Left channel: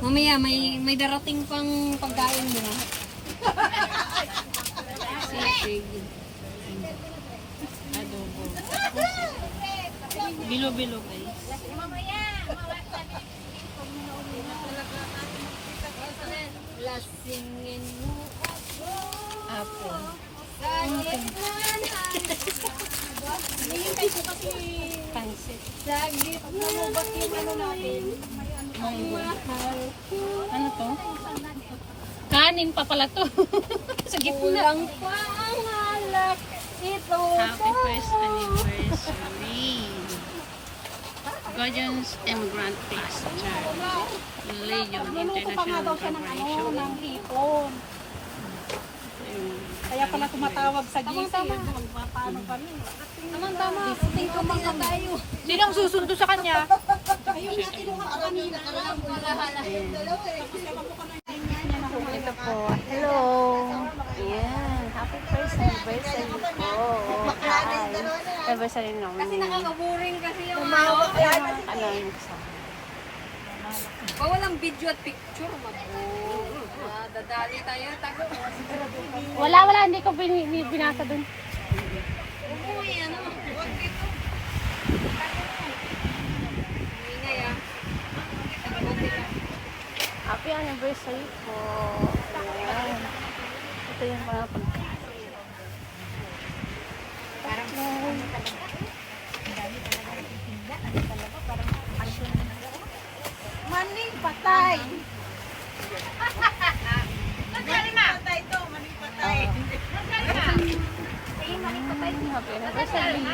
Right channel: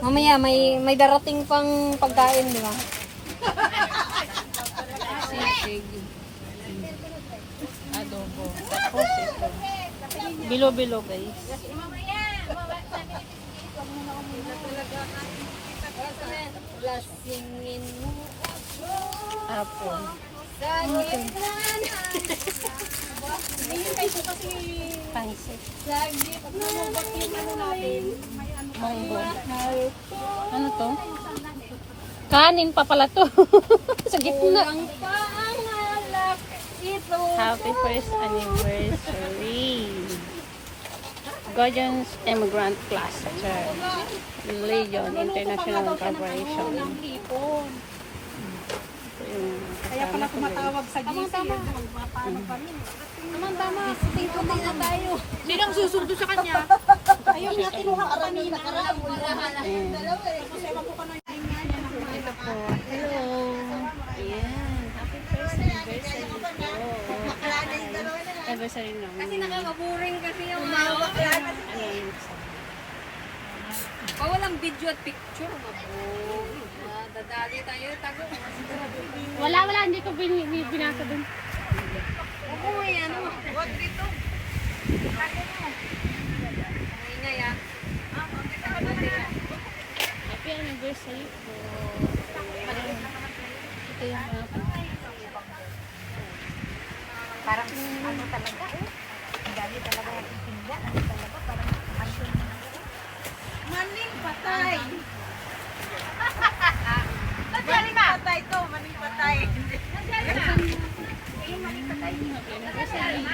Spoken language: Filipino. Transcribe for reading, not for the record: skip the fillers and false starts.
Mamaya may darating pang pagkain, di ba? Sisig. Adobo. Tapos ito. Bilo-bilo guys. Lasingin mo. Apple. Pansit. Munggo. Ano to? Kanin pa pala to. Sa gitna. Happy first anniversary. Gojons Immigrant Cluster. Legion International Corporation. Kaya pala tumatawag sa GC. Paano kami? Tama. Tingko-ting na tayo. Hindi lang susundo sa kanya. Ayun nga, kinuha ka kanina. Ito po. Hello. Ayan. Happy first anniversary po. Anniversary namin. Kasi nakaka-boring kasi yung Ano yun sa... walang video at picture, dadali tayo, tago. Wala. Hindi ko binasa dun. Uy, ano, wag dito. Ingay ah. Happy anniversary po. Ayan. Ito yung mga Parang maning patay. Maning patay to, maning patay. happy anniversary.